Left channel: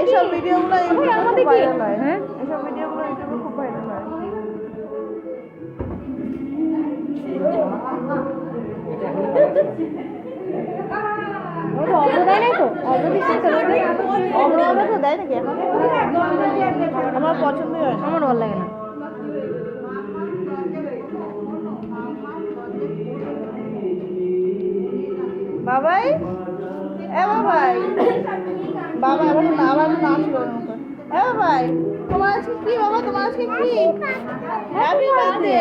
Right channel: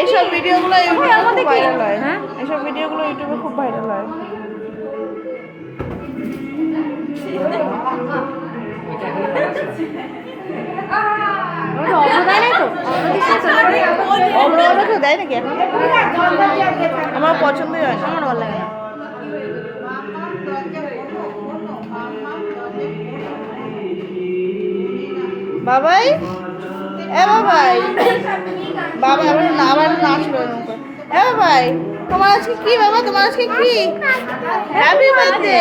এইসব ভিডিওগুলো ইউটিউবে খুব ভাইরাল হয়। হ্যাঁ, এইসব ভিডিওগুলো ইউটিউবে খুব ভাইরাল হয়। অবদায় নাই তো অবদায় দেয় নাকি এখন? আমার পছন্দই হয় না, আমার ভালো লাগে না। বাবাই বাবাই বাবা আবার নাচলো। বাবাই তোমার আজকে কি? বাবা তোমার আজকে কি? Happy birthday.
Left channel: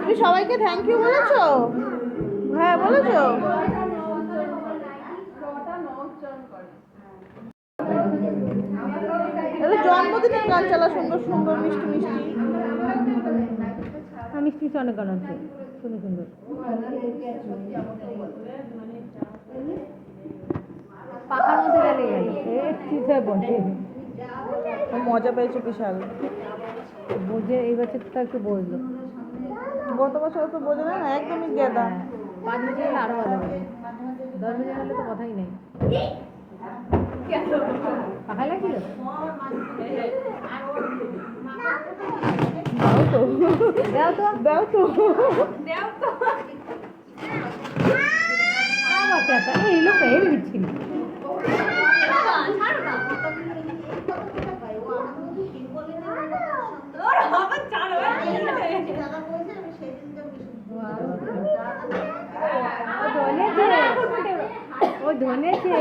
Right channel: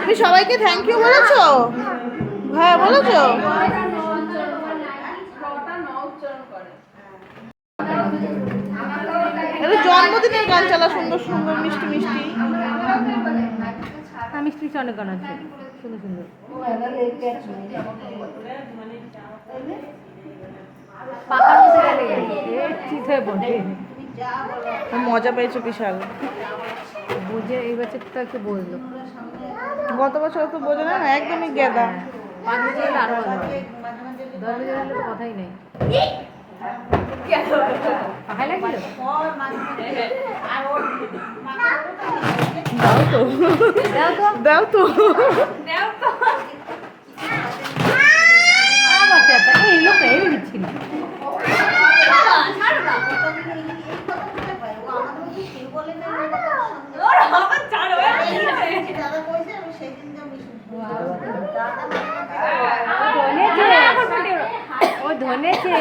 তুমি সবাইকে থ্যাংক ইউ বলেছো? হ্যাঁ বলেছো। জন্মদিনের গান চালা, সুন্দর সুন্দর মিষ্টি মিষ্টি। হ্যাঁ, মিষ্টি মিষ্টি অনেক গান আছে সুন্দর সুন্দর। পাখার মধ্যে গেলে চিত হয়ে পড়ে। মজা পেয়েছো বিশাল। বুঝে এই বছরটা একটু বললো, গত বছর তো বোঝো না, একদমই গেদা। 5 বছর হলে আরো ভালো লাগে, 10 বছর হলে তো কথাই নেই। পাখায় লাগছিল দাও তো দাও তো আবার এই লোক এই দিচ্ছিল। ও ধনেছে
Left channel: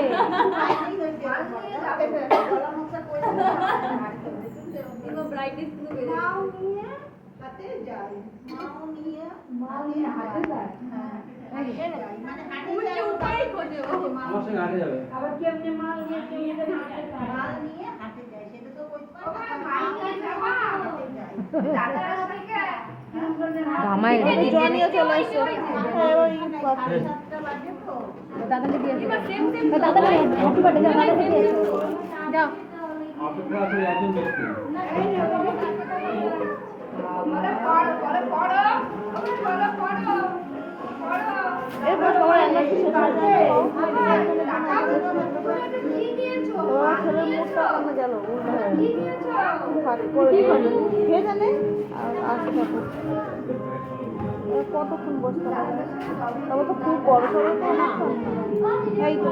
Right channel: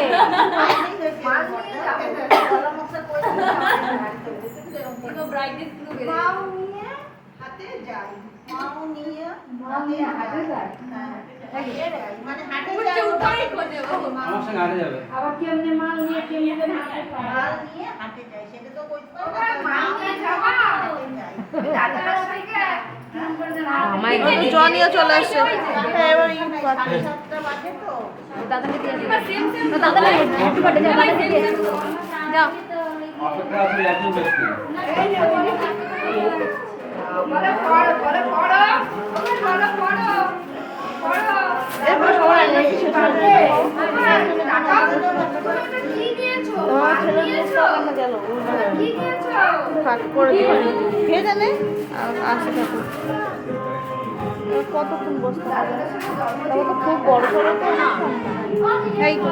জনিও চলে আসছে। এবার দাদাকে দিয়ে দাদা হ্যাপি বার্থডে যাও, দাদাকে দিয়ে যাও। এরপর সবাই ছেলের মুখটাও কেন গেল ফাঁক করে কে জানে। আসে ঠাকুর কতক্ষণ বসতে হবে, তবে তো খুব বড় সড়ো তো না। এই তো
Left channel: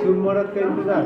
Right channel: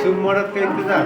शुभ मुहूर्त का इंतजार